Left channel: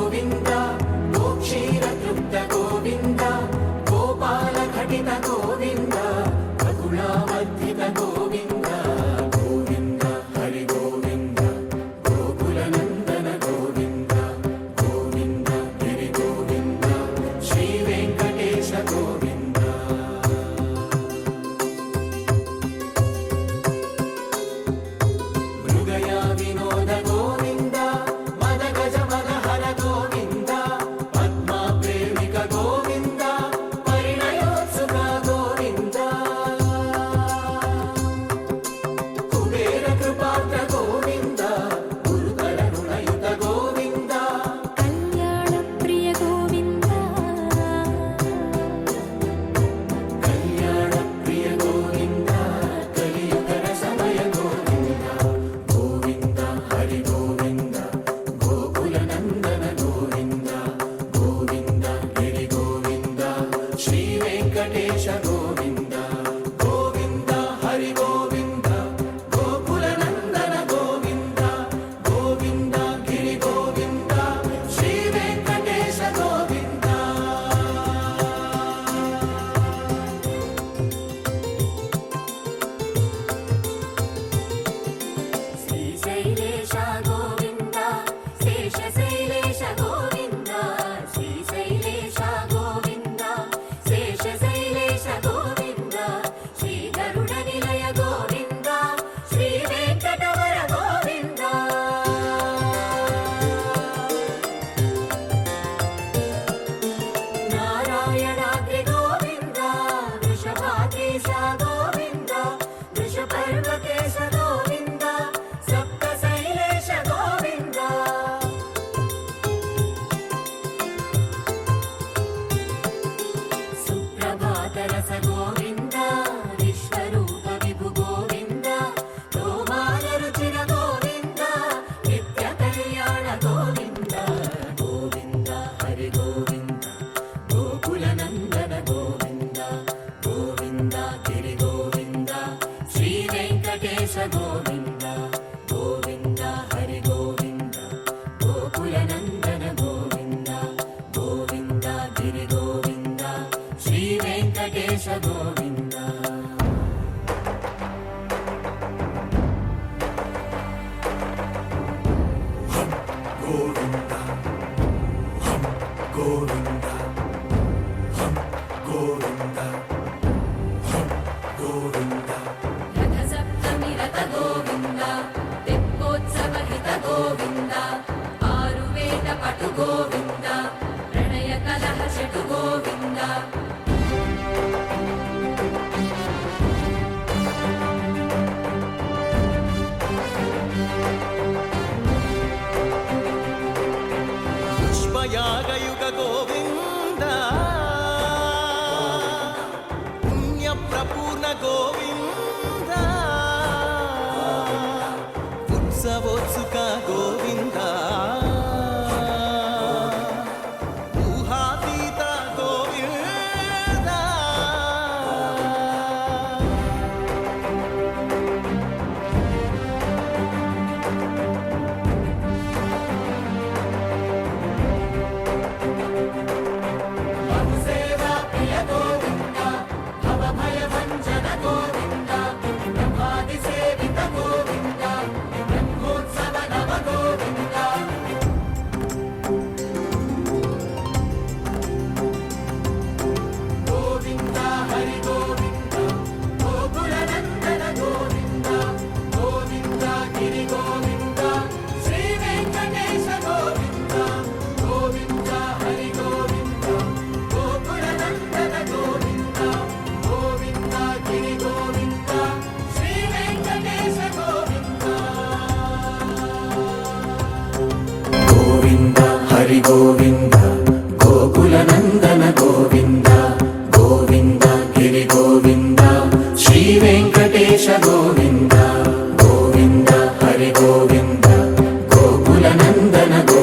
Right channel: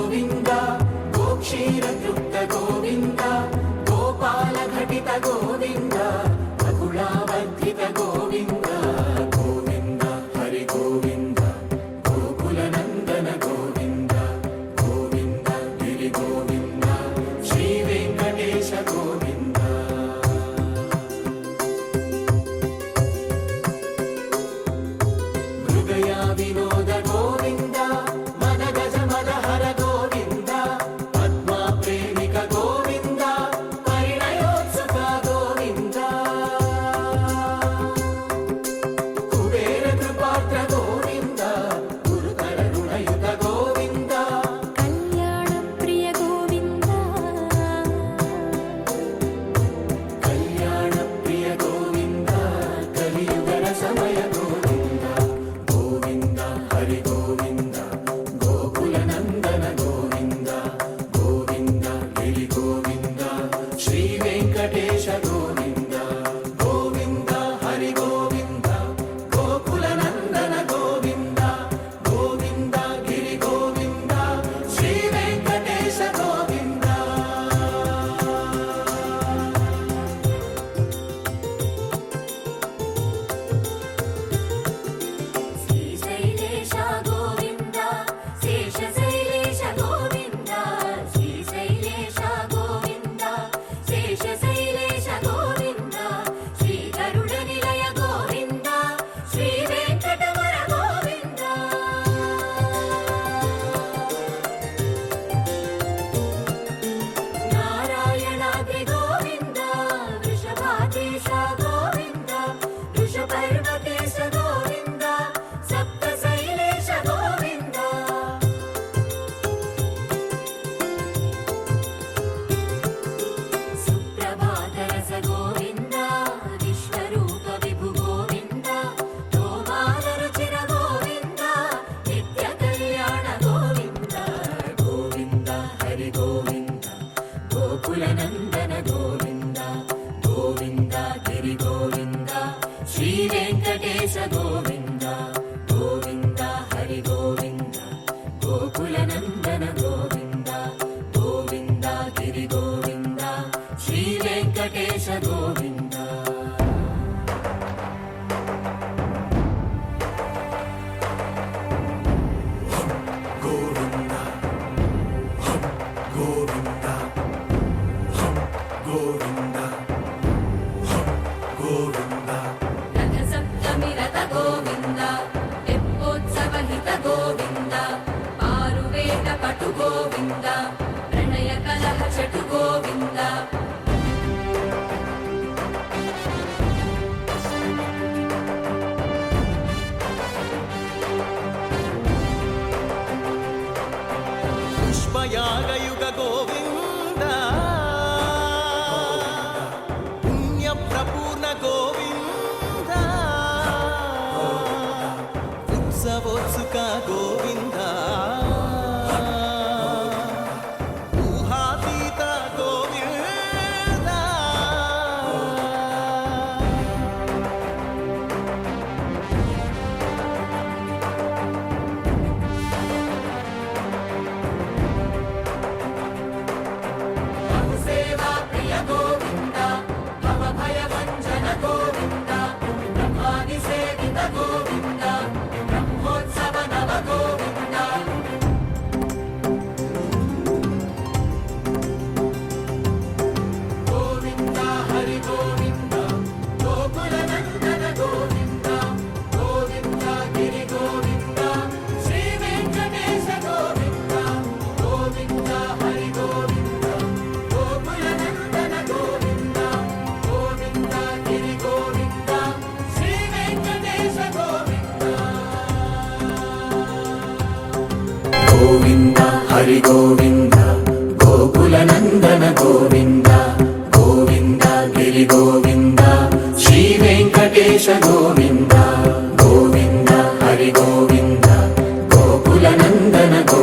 గోవింద గోక్షీర తృప్త గోవింద గోపాల ఘటిత గోవింద బహుళావర్ధిత గోవింద గోవింద హరి గోవింద గోకుల నందన గోవింద గోవింద గిరి గోవింద శ్రీ వెంకటేశ గోవింద మృగయ వినోద గోవింద మద గజ మదహర గోవింద పద్మా ప్రేమిక గోవింద పరిణయోత్సుక గోవింద కుబేర కృపాత్ర గోవింద గురుతర రుణయుత గోవింద కళ్యాణ ప్రియ గోవింద కళ్యాణ ప్రియ గోవింద కలియుగర సమయ గోవింద గోవింద హరి గోవింద గోకుల నందన గోవింద గోవింద గిరి గోవింద శ్రీ వెంకటేశ గోవింద గోవింద హరి గోవింద గోకుల నందన గోవింద గోవింద గిరి గోవింద శ్రీ వెంకటేశ గోవింద శ్రీశైలేశ గోవింద శేషశైలేశ గోవింద శ్రీశైలేశ గోవింద శేషశైలేశ గోవింద శ్రీ గరుడ నిలయ గోవింద శ్రీ వెంకటవర గోవింద నారాయణాద్రి గోవింద వృషభాదేశ గోవింద వృషపర్వతేశ గోవింద సప్తశైలేశ గోవింద సుప్రభాతరస గోవింద విశ్వరూప విభు గోవింద గోమాల రుచిర గోవింద నిత్య కళ్యాణ గోవింద గోవింద హరి గోవింద గోకుల నందన గోవింద గోవింద గిరి గోవింద శ్రీ వెంకటేశ గోవింద గోవింద హరి గోవింద గోకుల నందన గోవింద గోవింద గిరి గోవింద శ్రీ వెంకటేశ గోవింద గోవింద గోవింద గోవింద గోవింద రథ సప్తమి రథ గోవింద తెప్పోత్సవ హిత గోవింద ఆరువేద పటు గోవింద ప్రణయ కలహ షటు గోవింద పుష్పయాగయుగ గోవింద పుణ్య ప్రపూర్ణ గోవింద ఉత్సవోత్సుక గోవింద ఊహాతీత గోవింద సేవా ప్రియ గోవింద భవ భయ భంజన గోవింద బ్రహ్మాది సేవిత గోవింద బ్రహ్మోత్సవ నవ గోవింద గోవింద హరి గోవింద గోకుల నందన గోవింద గోవింద గిరి గోవింద శ్రీ వెంకటేశ గోవింద గోవింద హరి గోవింద గోకుల నందన గోవింద గోవింద గిరి గోవింద శ్రీ వెంకటేశ గోవింద గోవింద హరి గోవింద గోకుల నందన గోవింద గోవింద గిరి గోవింద శ్రీ వెంకటేశ గోవింద గోవింద హరి గోవింద గోకుల నందన గోవింద